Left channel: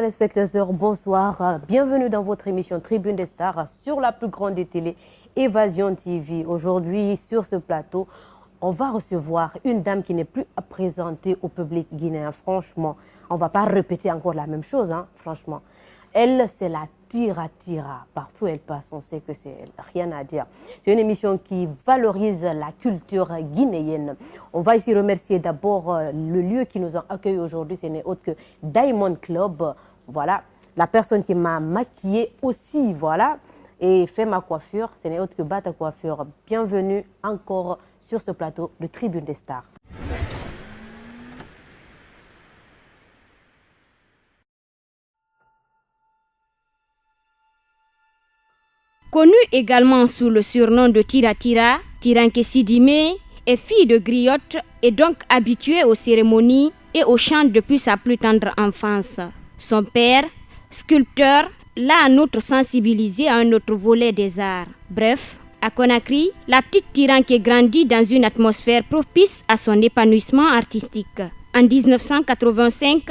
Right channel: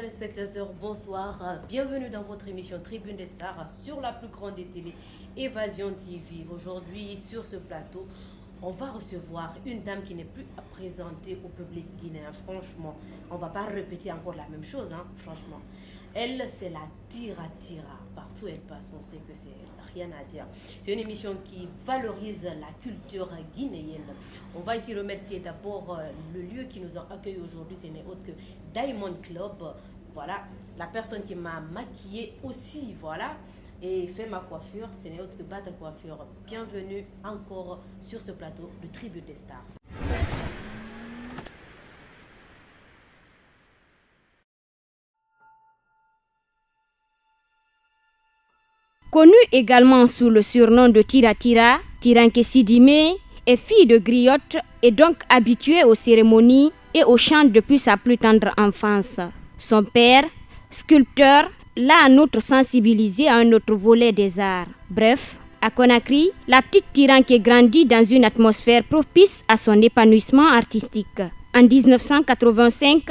téléspectateurs, bonsoir. Bienvenue dans votre émission Tribune des Stars sur la plus grande des télés, Évasion TV. Aujourd'hui, sur ce plateau, on va recevoir une dame qui n'est plus à présenter au public guinéen. Franchement, on ne va pas répéter encore la même chose, hein, franchement. Elle, c'est la Tira-Tira. Partout où elle passe, on sait que c'est rien à dire. C'est une émission qui valorise la culture guinéenne. On va ici remercier d'abord le lieu qui nous a accueillis aujourd'hui. Ce n'est autre que Diamond Club. Voilà, la personne qui m'a maquillée aussi, voilà, et fait ma coiffure. Ce n'est autre que Bata Coiffure. Bienvenue encore sur ce plateau de Tribune des Stars. Connue également sous le surnom de Tira-Tira, Tiranké Sidimé est fille de griotte et donc habituée aux cérémonies et aux chants depuis sa plus tendre enfance. Son père, sculpteur, l'a en outre sensibilisée à un autre volet des arts. Bref, à Conakry, la petite Tiranké grandit dans une atmosphère propice à son épanouissement artistique. En 1985,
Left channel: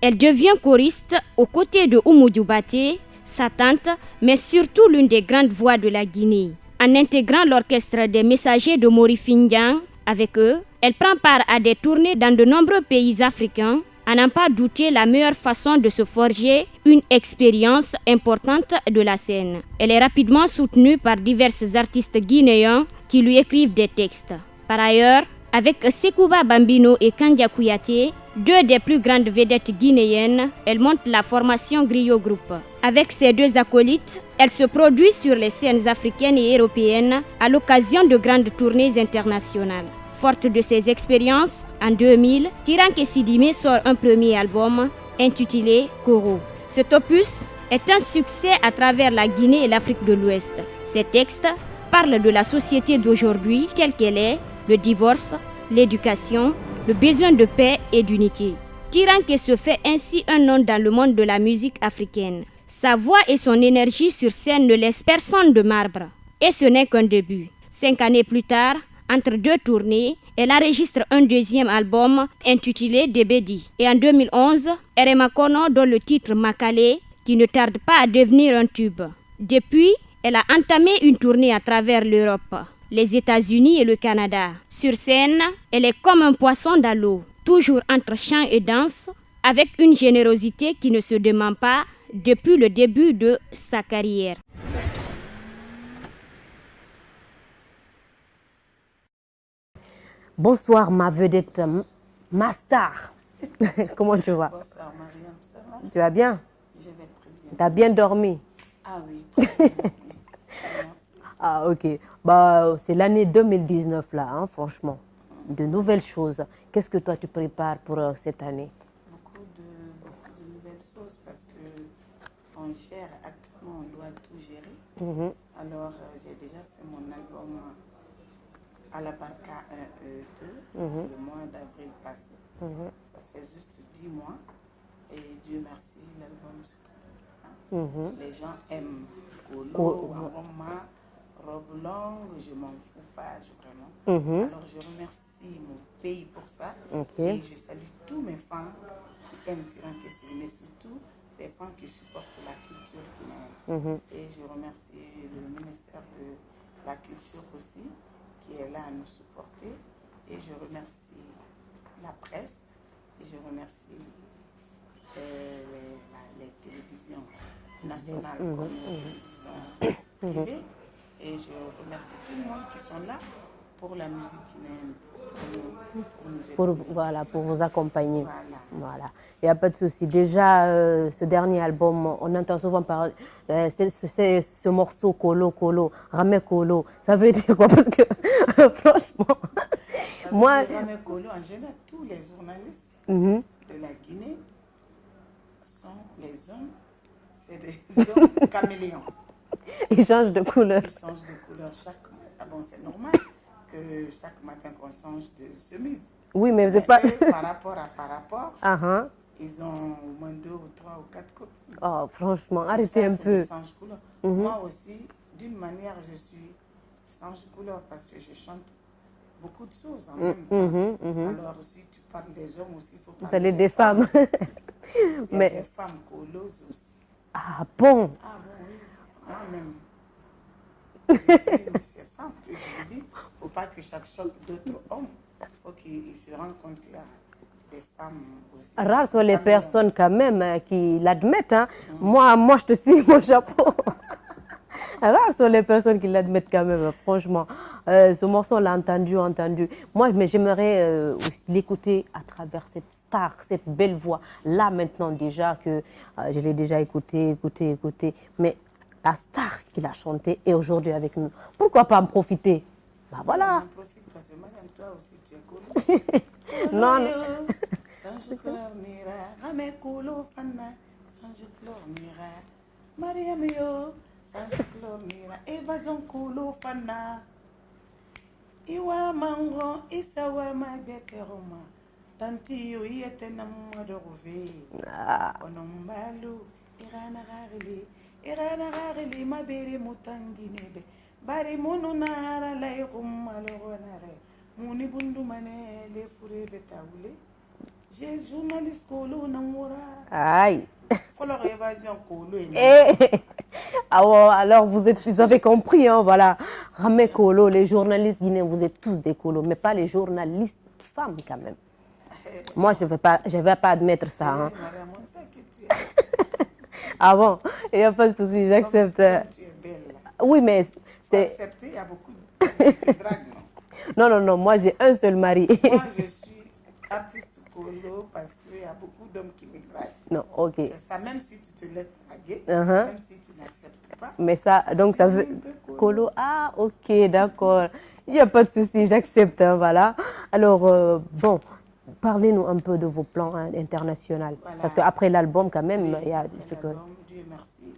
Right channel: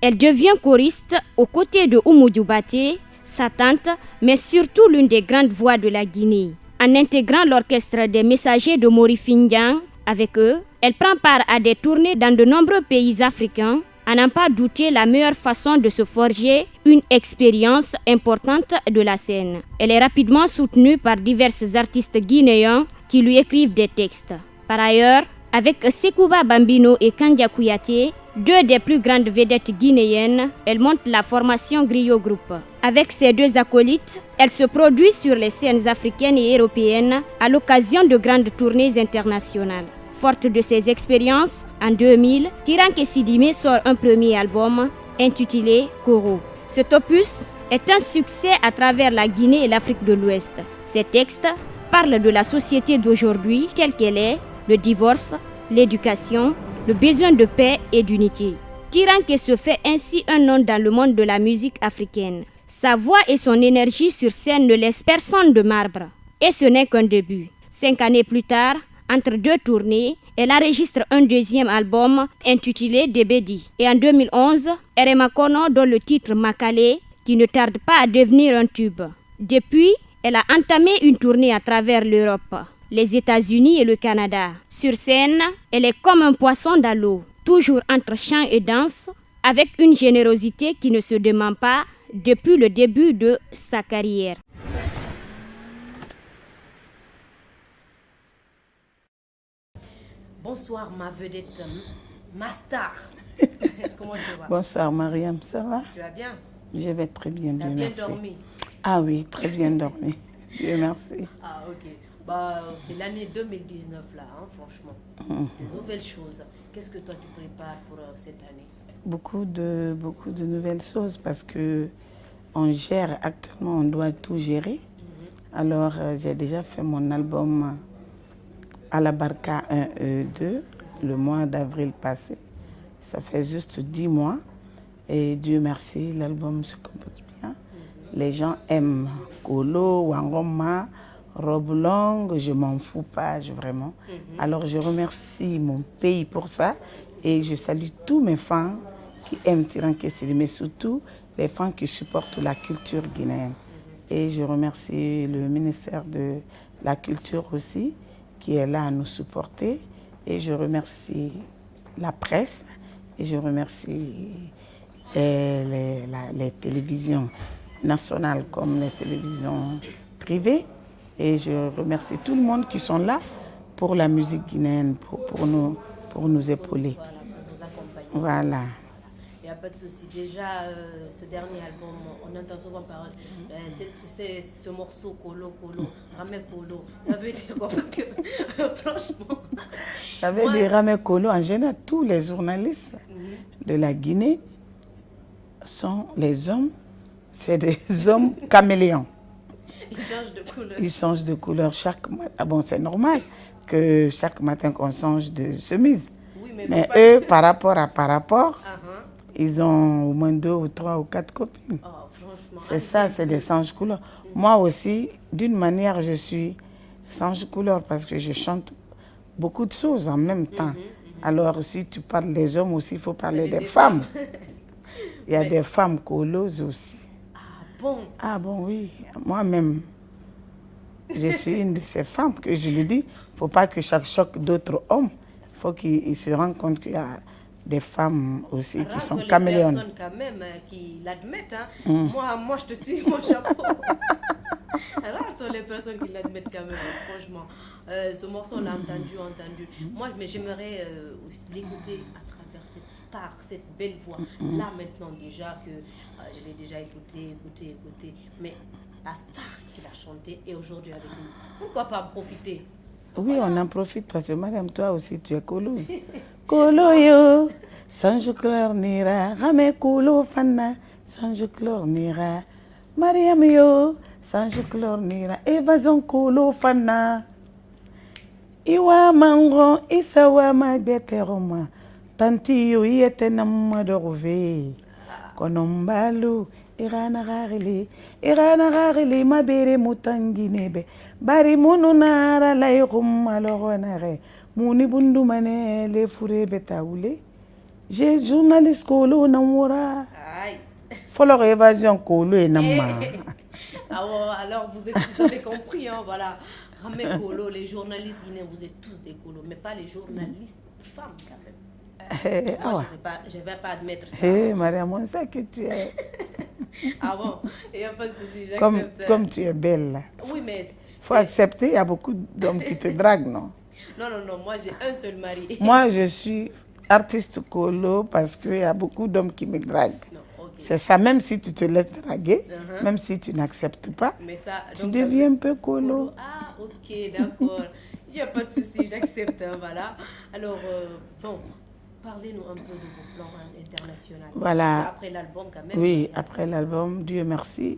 elle devient choriste aux côtés de Oumou Dioubate, sa tante, mais surtout l'une des grandes voix de la Guinée. En intégrant l'orchestre des messagers de Mori Findian, avec eux, elle prend part à des tournées dans de nombreux pays africains, à n'en pas douter la meilleure façon de se forger une expérience importante de la scène. Elle est rapidement soutenue par divers artistes guinéens qui lui écrivent des textes. Par ailleurs, avec Sekouba Bambino et Kandia Kouyaté, deux des plus grandes vedettes guinéennes, elle monte la formation Griot Group. Avec ses deux acolytes, elle se produit sur les scènes africaines et européennes à l'occasion de grandes tournées internationales. Forte de ses expériences, en 2000, Tiranké Sidimé sort un premier album intitulé Koro. Cet opus est un succès à travers la Guinée et l'Afrique de l'Ouest. Ses textes parlent de la société d'aujourd'hui telle qu'elle est, le divorce, l'éducation, le besoin de paix et d'unité. Tiranké se fait ainsi un nom dans le monde de la musique africaine. Sa voix et son énergie sur scène ne laissent personne de marbre. Et ce n'est qu'un début. 5 années plus tard, entre deux tournées, elle enregistre un deuxième album intitulé Debedi. Et en 2011, Erema Kono donne le titre Makale, qui ne tarde pas à devenir un tube. Depuis, elle a entamé une tournée à travers l'Europe, les États-Unis et le Canada. Sur scène, elle est comme un poisson dans l'eau, toujours entre chant et danse, avec une générosité qui ne se dément pas depuis le début de sa carrière. Bonsoir ma vedette, ma star. Comment tu vas? Bonsoir Mariam, ça va? Tu vas bien? Je vais très bien. Tu as bien dormi? Ah oui, très bien dormi. Merci. Ah ok. Bah, c'est l'année 2019 là, hein, franchement. De nouvelles choses. Qu'est-ce que toi tu prépares pour cette année? Beaucoup de nouvelles choses parce que on gère actuellement, on doit tout gérer. Alors j'ai déjà fait mon album à la Barca 1 et 2 le mois d'avril passé. Ça fait juste 10 mois et Dieu merci, l'album se compose bien. Les gens aiment Kolo, Wangoma, robe longue, je m'en fous pas, vraiment. Alors je remercie mon pays pour ça et je salue tous mes fans qui aiment Tiranké Sidimé, mais surtout les fans qui supportent la culture guinéenne. Et je remercie le ministère de la Culture aussi qui est là à nous supporter. Et je remercie la presse et je remercie les télévisions nationales comme les télévisions privées. Et je remercie tout le monde qui sont là pour la musique guinéenne, pour nous épauler. Voilà, pour vous accompagner. Voilà. Il n'y a pas de souci. Déjà, ce dernier album, on entend souvent parler, c'est ce morceau Kolo, Ramé Kolo. Ça veut dire quoi? Parce que franchement... Ça veut dire Ramé Kolo. En général, tous les journalistes de la Guinée sont les hommes, c'est des hommes caméléons. Ils changent de couleur. Ils changent de couleur chaque matin. Ah bon, c'est normal que chaque matin qu'on change de chemise. Oui, mais c'est pas... eux, par rapport, ils ont au moins 2 ou 3 ou 4 copines. Oh, franchement, c'est ça, c'est des changes couleurs. Moi aussi, d'une manière, je suis change couleur parce que je chante beaucoup de choses en même temps. Alors, si tu parles des hommes aussi, il faut parler des femmes. Il y a Mais- des femmes coloses aussi. Ah bon? Ah bon, oui. Moi-même, je suis une de ces femmes que je lui dis, il ne faut pas que chaque choc d'autres hommes, il faut qu'ils se rendent compte qu'il y a des femmes aussi Rares qui sont sont les caméléons. personnes quand même qui l'admettent. Hein. Moi, je te tire mon chapeau. Rares sont les personnes qui l'admettent quand même, franchement. Ce morceau, on l'a entendu. Moi, mais j'aimerais aussi l'écouter à travers cette star, cette belle voix. Là, maintenant, déjà, que je l'ai déjà écouté. Mais la star qui l'a chanté est aujourd'hui avec nous. Pourquoi pas en profiter? Bah, Oui, voilà. on en profite parce que madame, toi aussi, tu es colouse. Coloyo, sanju nira, rame kolo fana, sanju nira. Mariam yo, sanju nira, évasion kolo fana. Iwa mango, isawa ma beteroma. Tanti yo yete namma dorove. Konombalu, irana rarili, ma bere mutanginebe. Bari munu nara layrum aloronare. Muni bundu mane le fure betaoule. J'ai journaliste kolo namora. Aïe. Follow évasion kolo et namma. Ah ouais, alors vous avez compris, hein, voilà. Ramé Kolo, les journalistes guinéens, vous êtes tous des colos, mais pas les journalistes femmes quand même. Moi, je ne vais pas admettre ça. Hé, Hein. madame, on sait que tu es. Ah bon, il n'y a pas de souci, j'accepte. Comme tu es belle. Là. Oui, mais... Faut accepter, il y a beaucoup d'hommes qui te draguent, non? Non, moi j'ai un seul mari. Moi, je suis artiste colo parce qu'il y a beaucoup d'hommes qui me draguent. Non, ok. C'est ça, même si tu te laisses draguer, même si tu n'acceptes pas, Mais ça, donc tu ça deviens veut... un peu colo. Ah, ok, d'accord. Il n'y a pas de souci, j'accepte, hein, voilà. Alors, bon, parlez-nous un peu de vos plans internationaux. Voilà. Parce qu'après l'album, quand même... Oui, il y a après un petit peu- l'album, Dieu merci,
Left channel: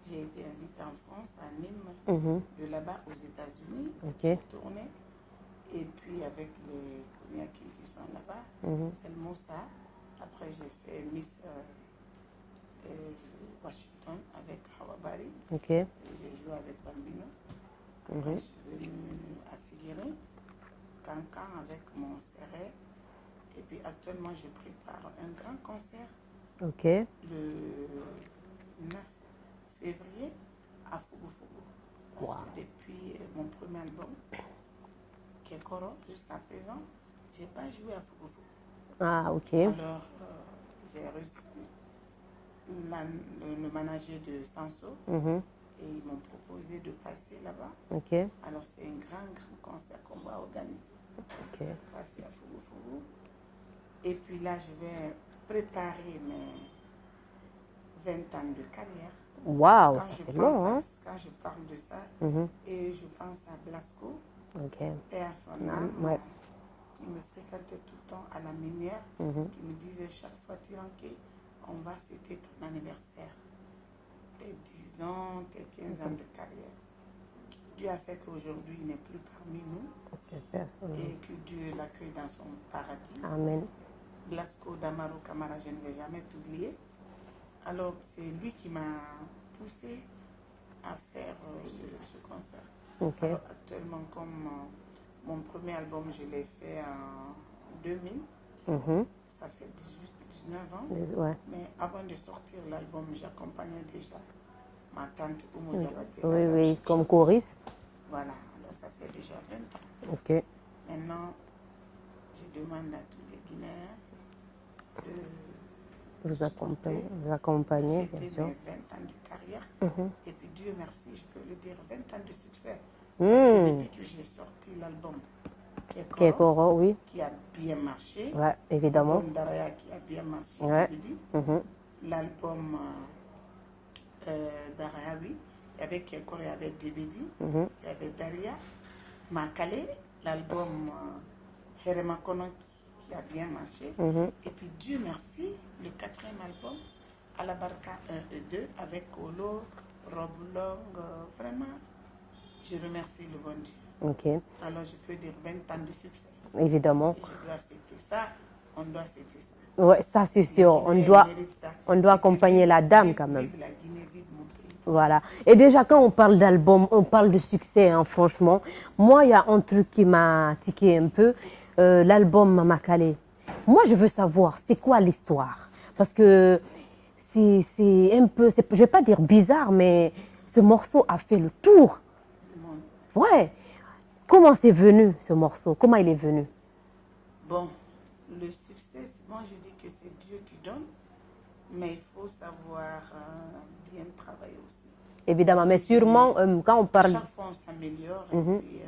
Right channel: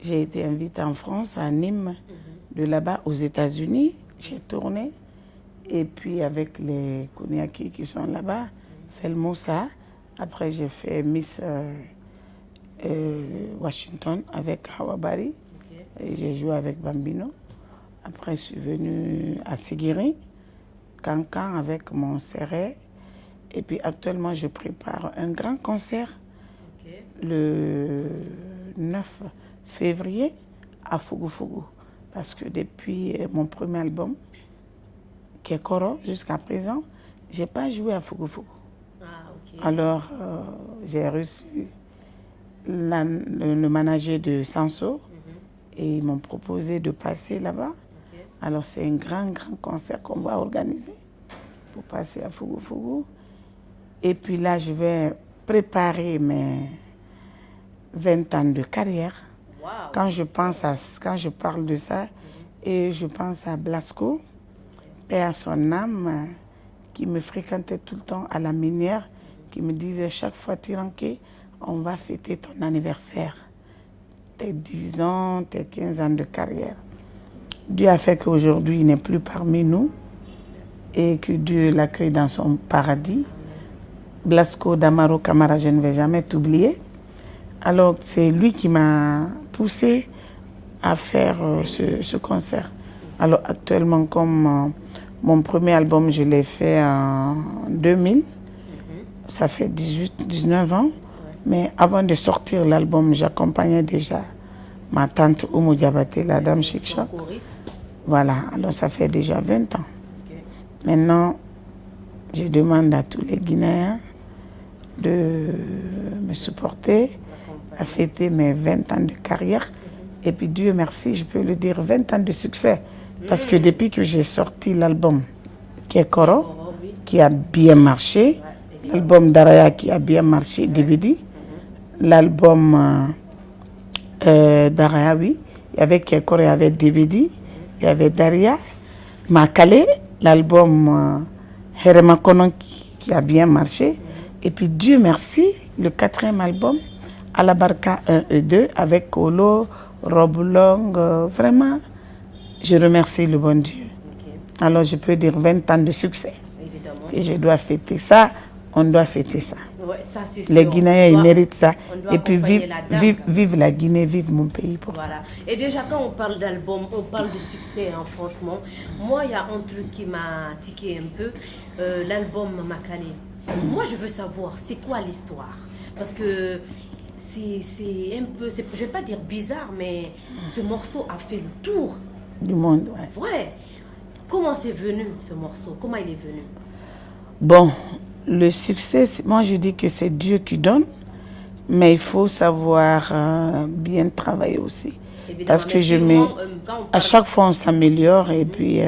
j'ai été invitée en France, à Nîmes, de là-bas aux États-Unis. J'ai tourné. Et puis avec les Koniaki qui sont là-bas, Felmoussa. Après, j'ai fait Miss Washington avec Hawabari. Ok. Et j'ai joué avec Bambino. Après, je suis venue à Sigiri, Cancan avec mon serré. Et puis actuellement, je prépare un grand concert Ok. le 9 février à Fugu. Parce que depuis mon premier album, qui est Koro, jusqu'à présent, je n'ai pas joué à Fugu. Ah, ok. Alors, j'ai reçu le manager de Sanso et ils m'ont proposé de passer là-bas. Ok. Alors, c'est un grand concert qu'on va organiser pour passer à Fugu. Et puis là, je vais préparer mes 20 ans de carrière. Waouh. Quand je c'est pense long, à, hein? quand je parle de ça, et je pense à Blasco, Ok. paix à son âme, qui me fréquentait tout le temps à la minière, qui me disait chaque fois, Tiranké, on va fêter ton anniversaire, tes 10 ans, tes 15 ans de carrière. Dieu a fait qu'aujourd'hui, il n'est plus parmi nous et que Dieu l'accueille dans son paradis. Amen. Blasco Damaro Camara, je ne vais jamais t'oublier. Alors, c'est lui qui m'a poussé à faire ce concert. Alors, actuellement, comme mon premier album, je l'ai fait en 2000, ça fait 19 ans. Ouais. Mais avant de sortir l'album, j'accompagnais déjà ma tante Oumou Diabaté, la dame Oui, Chic comme Choc. choriste. Voilà, alors ça fait déjà 20 ans. Ok. Maintenant, je demande à tous les Guinéens de me supporter, L'accompagner. à fêter mes 20 ans de carrière. Et puis Dieu merci, je peux le dire, 20 ans de succès. Parce que depuis que j'ai sorti l'album qui est Koro, Koro, oui. qui a bien marché, Ouais, évidemment. l'album Daraya qui a bien marché, DVD, l'album Daraya, oui, il y avait Kekoro, il y avait DVD, il y avait Daria, Makale, l'album Herema Konon qui a bien marché. Et puis Dieu merci, le 4e album, Alabarka 1 et 2, avec Kolo, Roblong, vraiment, je remercie le bon Dieu. Ok. Alors je peux dire 20 ans de succès. Évidemment. Et je dois fêter ça, on doit fêter ça. Ouais, ça c'est sûr. Les Guinéens, ils méritent ça. On doit Et puis accompagner la dame quand même. vive la Guinée, vive mon pays pour Voilà. Et déjà, quand on parle d'album, on parle de succès, hein, franchement. Moi, il y a un truc qui m'a tiqué un peu, l'album Makale. Moi, je veux savoir, c'est quoi l'histoire? Parce que c'est un peu, je ne vais pas dire bizarre, mais ce morceau a fait le tour du monde. Ouais. Comment c'est venu ce morceau? Comment il est venu? Bon, le succès, moi je dis que c'est Dieu qui donne, mais il faut savoir bien travailler aussi. Évidemment, parce que quand on parle... à chaque fois on s'améliore et puis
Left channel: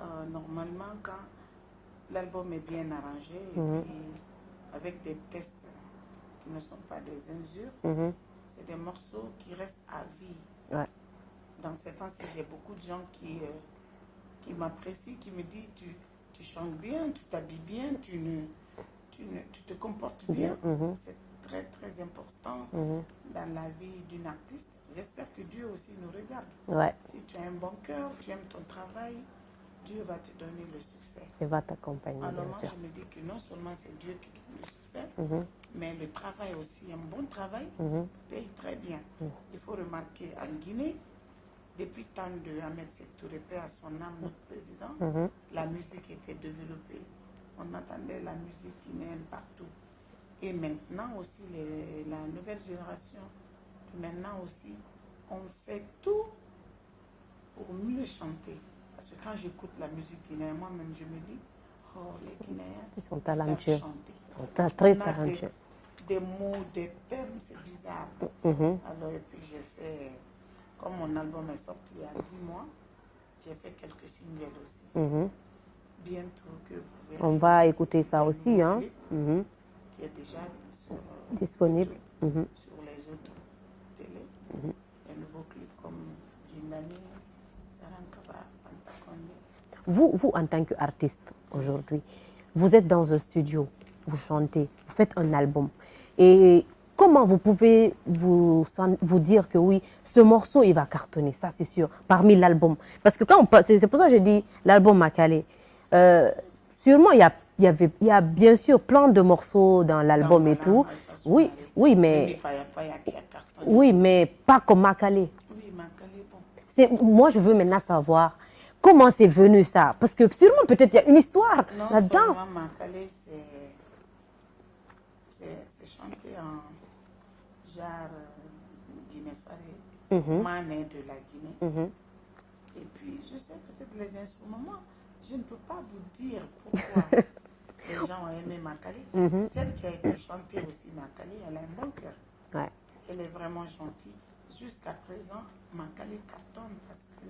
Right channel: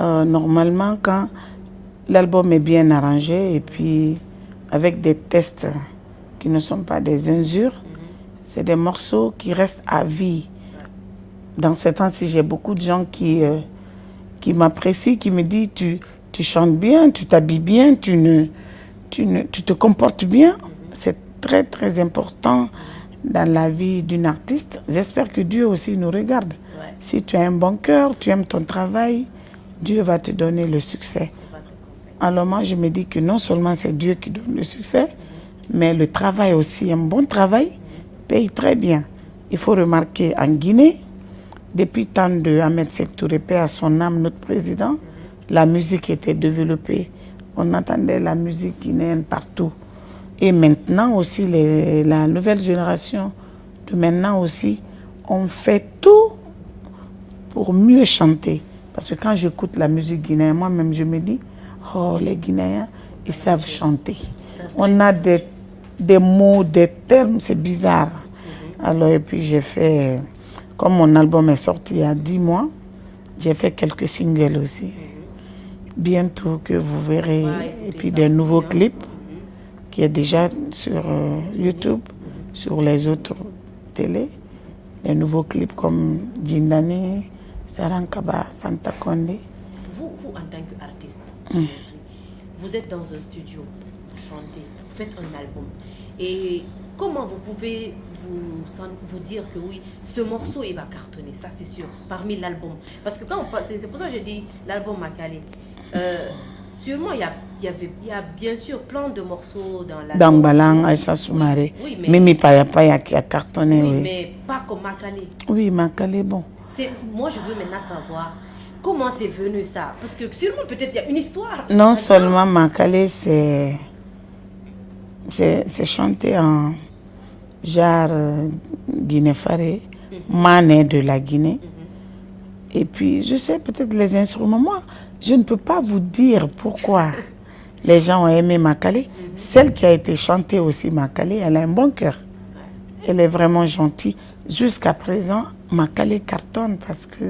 normalement quand l'album est bien arrangé et puis avec des tests qui ne sont pas des injures, c'est des morceaux qui restent à vie. Ouais. Dans ces temps-ci, j'ai beaucoup de gens qui m'apprécient, qui me disent tu chantes bien, tu t'habilles bien, tu te comportes bien. C'est très très important dans la vie d'une artiste. J'espère que Dieu aussi nous regarde. Ouais. Si tu as un bon cœur, tu aimes ton travail, Dieu va te donner le succès. Il va t'accompagner. Alors moi, je me dis que non seulement c'est Dieu qui donne le succès, mais le travail aussi, un bon travail, paye très bien. Il faut remarquer en Guinée, depuis le temps de Ahmed Sékou Touré, paix à son âme, notre président, la musique était développée. On entendait la musique guinéenne partout. Et maintenant aussi, la nouvelle génération de maintenant aussi, on fait tout pour mieux chanter. Parce que quand j'écoute la musique guinéenne, moi-même, je me dis, oh, les Guinéens, ils savent chanter. On a des mots, des termes, c'est bizarre. Alors, et puis j'ai fait, comme mon album est sorti il y a 10 mois, j'ai fait quelques singles aussi. Bientôt que vous verrez, et puis des nouveaux clips qui est déjà sur YouTube, sur les autres télés. Les nouveaux clips comme Djindani, Sarankaba, Fanta Condé. Vous, en tant qu'artiste, aujourd'hui, vous êtes dans un studio, vous chantez, vous faites un album. Et comment vous pouvez vous dire que oui, ce morceau, il va cartonner, ça c'est sûr, parmi l'album? Parce que quand c'est pour ça que je dis l'album Makale. Sûrement, il y a bien sûr plein de morceaux dans l'album. Dambalang, Aïssa Soumaré, oui, mais Mimi Payapaya qui a cartonné. Oui, mais pas comme Makale. Oui, Makale, bon. Moi, je veux maintenant savoir comment c'est venu ça. Parce que sûrement, peut-être, il y a une histoire. Non seulement Makale, c'est chanté en genre Guinée-Faré, mané de la Guinée. Et puis, je sais peut-être les instruments. Moi, je ne peux pas vous dire pourquoi les gens ont aimé Makale. Celle qui a été chantée aussi, Makale, elle a un bon cœur. Ouais. Elle est vraiment gentille. Jusqu'à présent, Makale cartonne parce que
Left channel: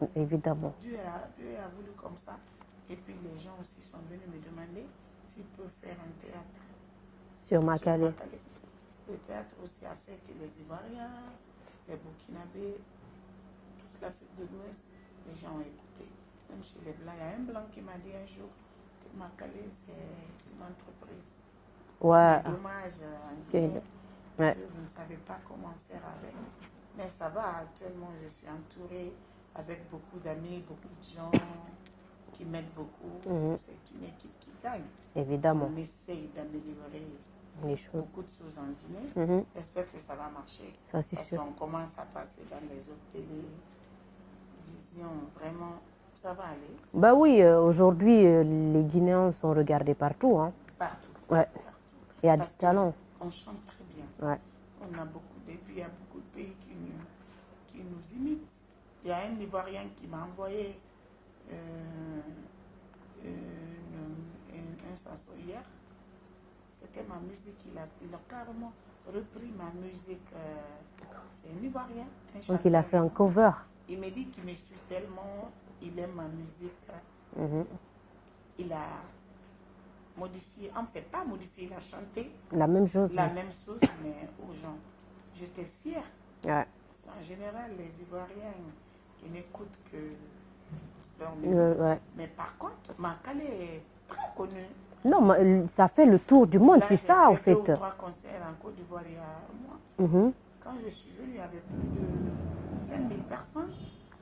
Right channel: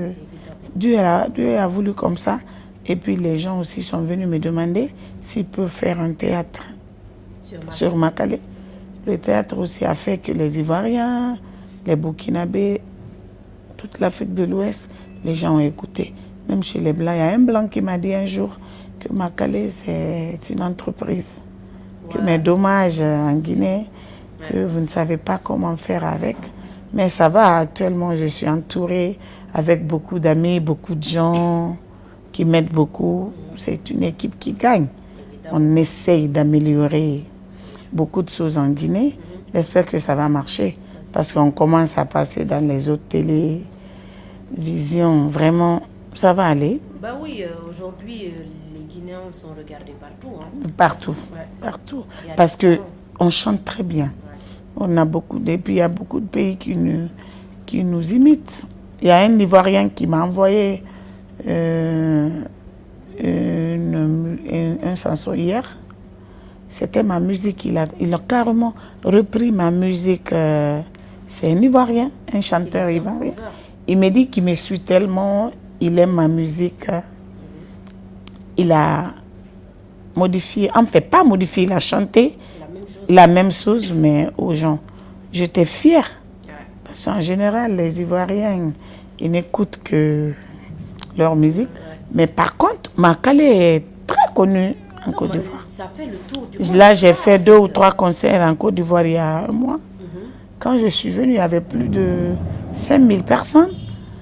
Dieu a voulu comme ça. Et puis, les gens aussi sont venus me demander s'ils peuvent faire un théâtre sur Makale. Le théâtre aussi a fait que les Ivoiriens, les Burkinabés, toute l'Afrique de l'Ouest, les gens ont écouté. Même chez les Blancs, il y a un Blanc qui m'a dit un jour que Makale, c'est une entreprise. Ouais. Mais dommage en Guinée, que vous ne savez pas comment faire avec. Mais ça va, actuellement, je suis entourée avec beaucoup d'amis, beaucoup de gens qui m'aident beaucoup. C'est une équipe qui gagne. Évidemment. On essaye d'améliorer beaucoup de choses en Guinée. J'espère que ça va marcher. Parce qu'on commence à passer dans les autres télévisions. Vraiment, ça va aller. Bah oui, aujourd'hui, les Guinéens sont regardés partout. Hein. Partout, partout. Parce qu'on chante très bien. Ouais. On a beaucoup, et puis il y a beaucoup de pays qui nous imitent. Il y a un Ivoirien qui m'a envoyé un chanson hier. C'était ma musique. Il a carrément repris ma musique. C'est un Ivoirien, un chanteur ivoirien. Il me dit qu'il me suit tellement, il aime ma musique. Il a modifié, enfin pas modifié, il a chanté la même chose, mais aux gens. J'étais fière. Ouais. Parce qu'en général, les Ivoiriens, ils n'écoutent que leur musique. Mais par contre, Makale est très connu en Côte d'Ivoire. Ça fait le tour du monde. Là, j'ai fait 2 ou 3 concerts en Côte d'Ivoire il y a un mois. Quand je suis venue, il y avait plus de 5000 personnes.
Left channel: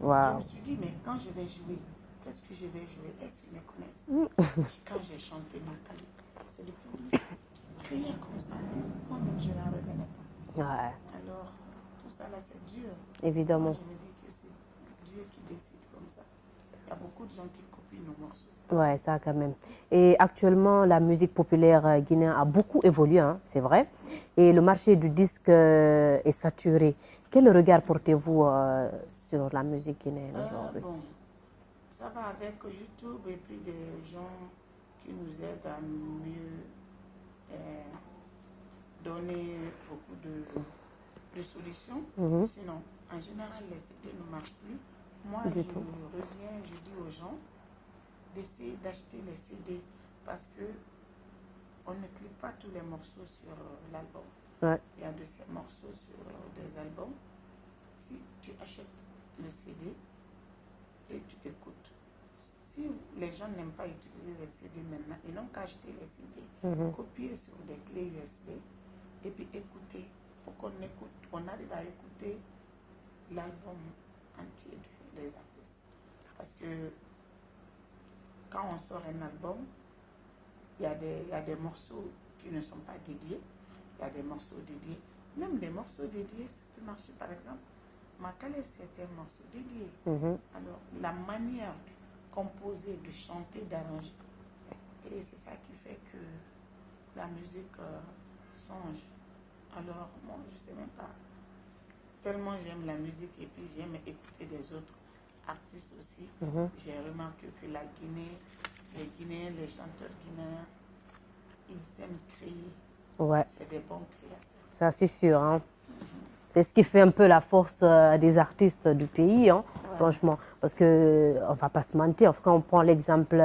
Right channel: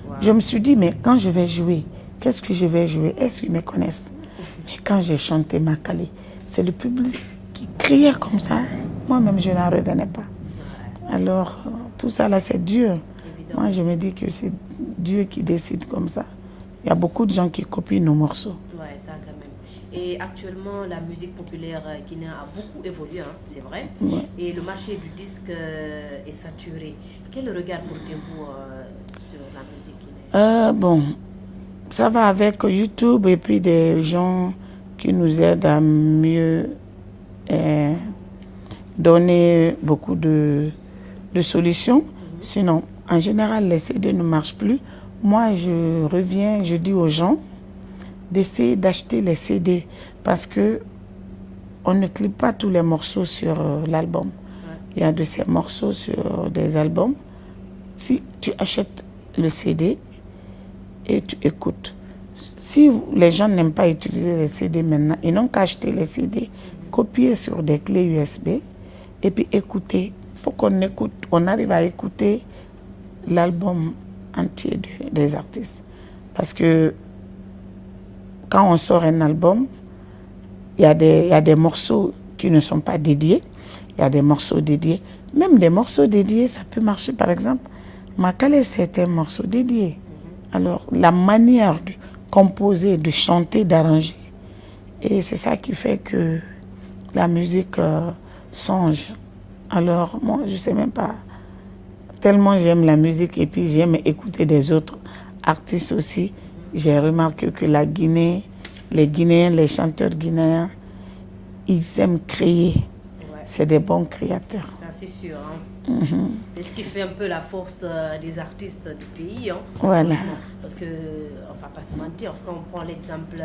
Wow. Je me suis dit, mais quand je vais jouer, qu'est-ce que je vais jouer? Est-ce qu'ils me connaissent? Mais quand j'ai chanté Makale, c'est le public qui criait comme ça. Moi-même, je n'en revenais pas. Ouais. Alors, tout ça là, c'est Dieu. Évidemment. Moi, je me dis que c'est Dieu qui décide comme ça. Il y a beaucoup de gens qui copient nos morceaux. Ouais, ça quand même. Et actuellement, la musique populaire guinéenne a beaucoup évolué, hein, c'est vrai. Ouais. Et le marché du disque est saturé. Quel regard portez-vous sur la musique guinéenne? Bon, ça va avec YouTube et puis des gens qui nous aident à mieux donner beaucoup de solutions. Sinon, en général, les CD ne marchent plus. Moi, je reviens, je dis aux gens d'essayer d'acheter les CD parce que on ne clipe pas tous les morceaux sur l'album. Ouais. Il y a de ces morceaux sur des albums. Si tu achètes le CD et tu écoutes, si les gens n'aiment pas utiliser les CD maintenant, ils n'ont qu'à acheter les CD, copier sur des clés USB et puis écouter. Il faut qu'on écoute, on arrive à écouter l'album entier des artistes. Parce que quand on sort un album, il y a des morceaux qui ne sont pas dédiés, il y a des morceaux dédiés. Même des morceaux dédiés, ça peut marcher. Par exemple, Makale, c'est un morceau dédié. Alors, la manière de composer, de chanter, d'arranger, et c'est ça qui fait que la musique change. Alors, moi, je ne sais même pas. Tellement j'aime la musique et puis j'aime écouter des autres artistes aussi. J'ai remarqué que la Guinée, les Guinéens, les chanteurs guinéens, ils aiment créer. Ouais. C'est des bons créateurs. Ça, c'est sûr. Hein. C'est ce qui fait un peu la force des artistes du pays, hein, Voilà. franchement. Parce qu'on ne va pas se mentir. Quand on prend l'exemple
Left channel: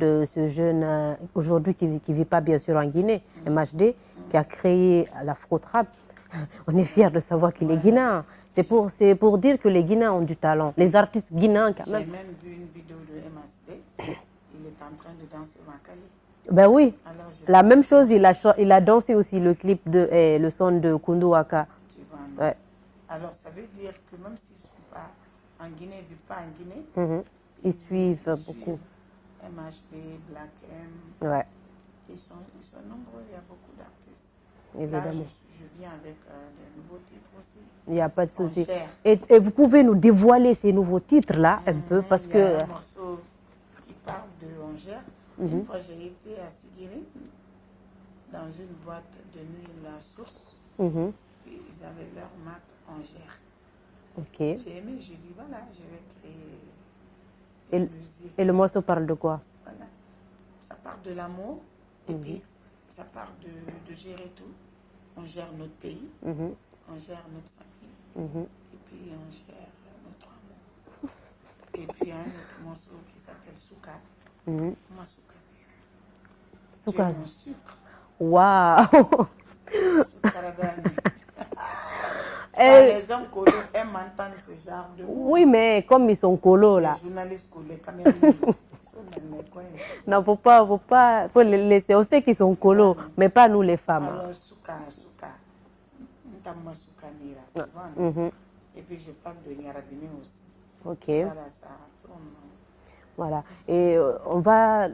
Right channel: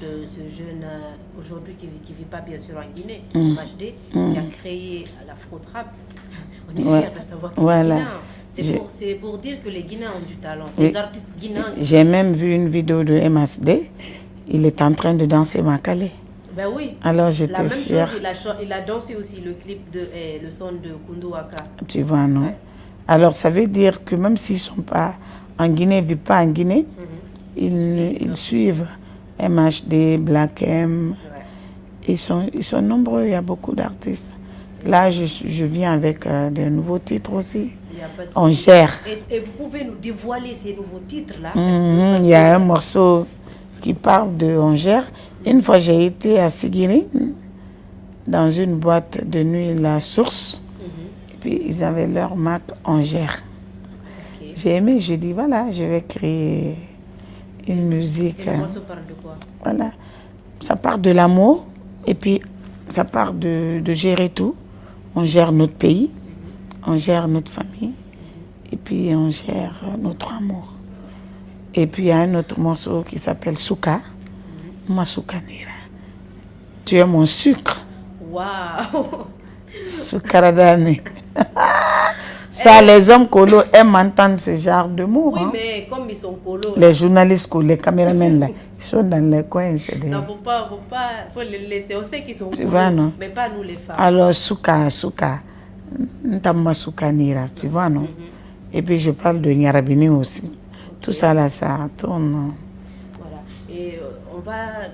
de ce jeune aujourd'hui qui ne vit pas bien sûr en Guinée, le MHD, qui a créé l'afro-trap, on est fiers de savoir qu'il est guinéen. C'est pour dire que les Guinéens ont du talent. Les artistes guinéens... J'ai même vu une vidéo de MHD. Il est en train de danser Makale. Ben oui. Alors, la même chose, il a dansé aussi le clip de le son de Koundou Waka. Tu vois, non? Ouais. Alors, ça veut dire que même s'ils ne sont pas en Guinée, ils ne vivent pas en Guinée, ils suivent MHD, Black M. Ouais. Ils sont nombreux, il y a beaucoup d'artistes. Là, je viens avec de nouveaux titres aussi. Il y a pas de On souci. gère. Et vous pouvez nous dévoiler ces nouveaux titres-là? Il y a un morceau qui parle de On gère. Une fois, j'ai été à Sigiri, dans une boîte de nuit, La Source. Et puis, ils avaient leur marque On gère. Okay. J'ai aimé, j'ai dit, voilà, je vais créer une musique. Et le morceau parle de quoi? Voilà. Ça part de l'amour et puis ça part de gérer tout. On gère notre pays, on gère notre famille et puis on gère notre amour. Et puis il y a un autre morceau qui s'appelle Souka. Ma Soukanira. Tu es mon sucre. Waouh! Soukaradane. Ça, les hommes colos aiment entendre ce genre de mots. Oui, mais comme ils sont colos. Les journalistes, les caméramans, là, ils sont dans les coins. Non, faut les laisser. On sait qu'ils sont colos, mais pas nous les femmes. Alors, Souka, Ntama Soukanira, tu vois, non? Et puis, je parle de Nyarabini aussi. Okay. Tout ça, là, ça tourne. Voilà. Et on va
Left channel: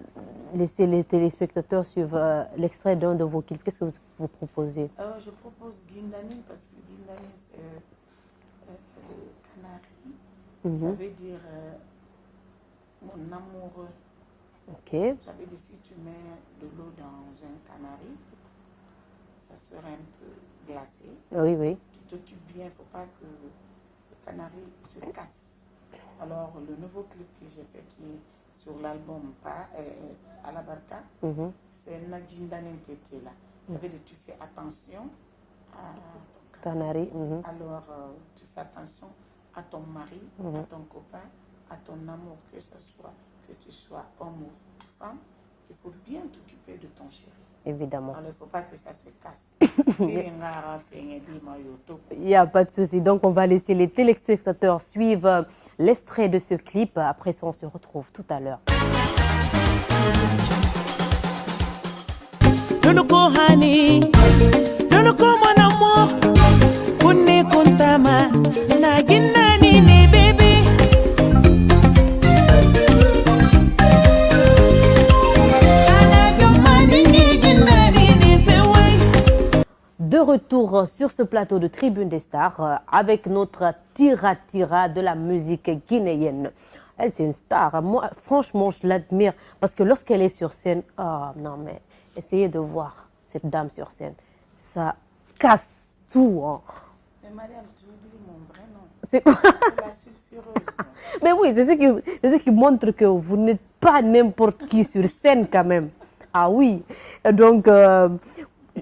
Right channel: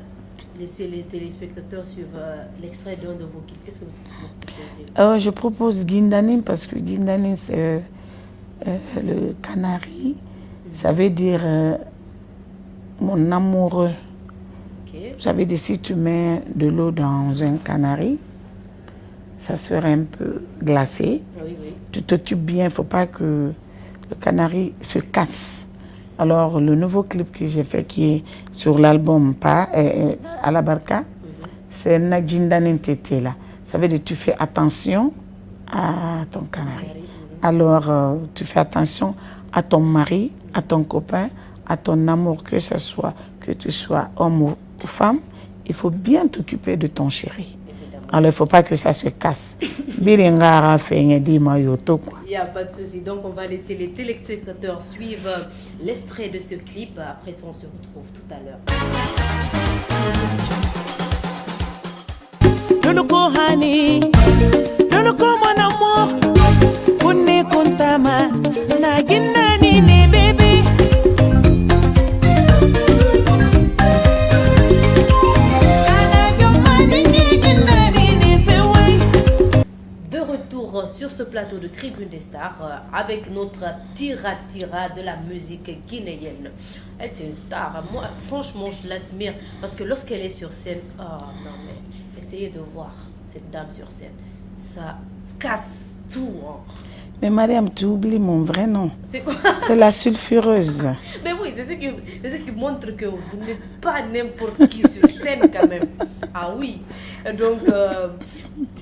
laisser les téléspectateurs suivre l'extrait d'un de vos clips. Qu'est-ce que vous proposez? Je propose Guindanin parce que Guindanin, c'est le canari. Ça veut dire mon amoureux. Okay. Ça veut dire si tu mets de l'eau dans un canari, ça serait un peu glacé. Oui, oui. Tu t'occupes bien, il ne faut pas que le canari se casse. Alors, le nouveau clip que j'ai fait, qui est sur l'album à la Barca, c'est Nadjindanin Tete là. Ça veut dire que tu fais attention à ton canari. Alors, tu fais attention à ton mari, à ton copain, à ton amour, que tu sois homme ou femme. Il faut bien t'occuper de ton chéri. Évidemment. Alors, il ne faut pas que ça se casse. Il n'y a pas de souci. Donc, on va laisser les téléspectateurs suivre l'extrait de ce clip. Après ça, on se retrouve tout à l'heure. sur ce plateau de Tribune des Stars avec notre Tira de la musique guinéenne. Elle, c'est une star. Moi, franchement, je l'admire parce que lorsqu'elle est sur scène, oh non, mais essayez de voir cette dame sur scène. Ça casse tout. Hein. Mais Mariam, tu oublies mon vrai nom. C'est quoi? C'est la sulfureuse. Mais oui, c'est ce qui montre que vous n'êtes pas n'importe qui sur scène quand même. Ah oui. Donc,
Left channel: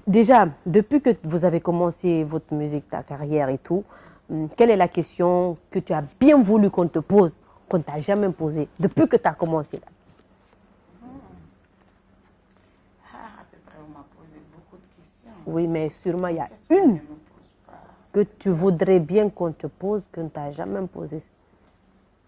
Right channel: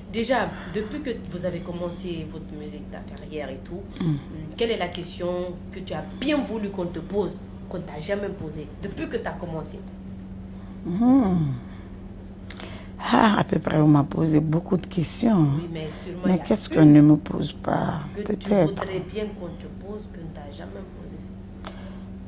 déjà, depuis que vous avez commencé votre musique, ta carrière et tout, quelle est la question que tu as bien voulu qu'on te pose, qu'on ne t'a jamais posée, depuis que tu as commencé? Ah, à peu près, on m'a posé beaucoup de questions. Oui, mais sûrement, Mais qu'est-ce qu'on ne me pose pas? que tu voudrais bien qu'on te pose, que ne t'a jamais posé?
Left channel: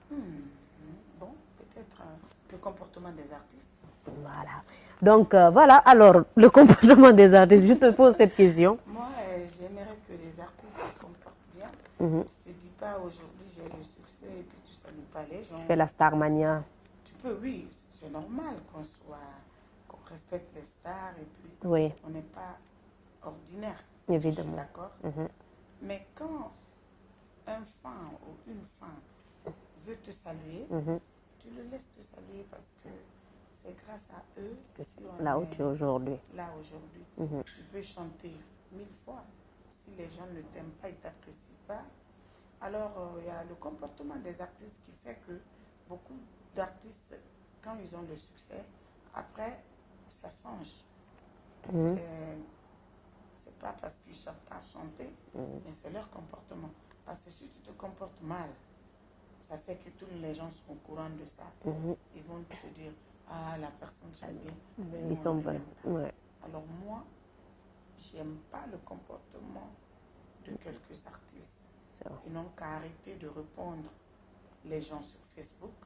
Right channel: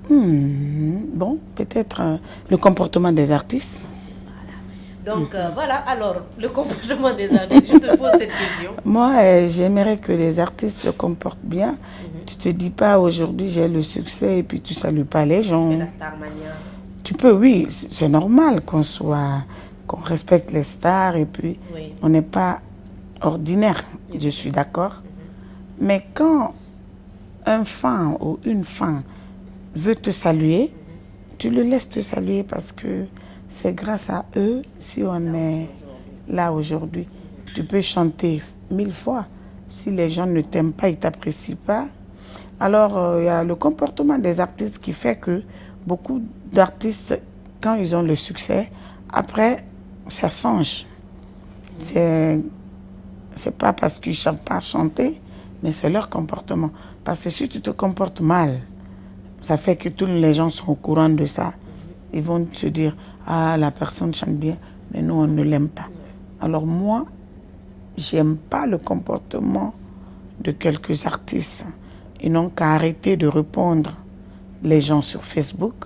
Bon, peut-être le comportement des artistes. Voilà. Donc, voilà, alors, le comportement des artistes, je te pose cette question. Moi, j'aimerais que les artistes se comportent bien. Tu te dis pas, aujourd'hui, j'ai le succès et puis tu salues pas les gens. Tu fais la Starmania. Tu peux, oui, c'est normal qu'on respecte les stars et puis Oui. on n'est pas ordinaire, je suis d'accord. Mais quand un fan ou une fan veut te saluer, tu le laisses te saluer parce que c'est grâce à eux si on est là aujourd'hui. Tu peux chanter 1000 fois. Si les gens ne t'aiment pas, ils ne t'apprécient pas. Alors, il y a le comportement des artistes qui fait que beaucoup d'artistes, quand ils ont le succès, après, ça change. C'est pas parce qu'ils ne savent pas chanter, mais c'est leur comportement. Parce que si tu te comportes mal, ça fait que tous les gens sont au courant de ça. Ils vont se dire, ah, la personne chante bien, mais nous, on ne l'aime pas. Alors moi, j'aime pas le comportement de quelques artistes. Ils n'ont qu'à arrêter de répondre les gens sur Facebook.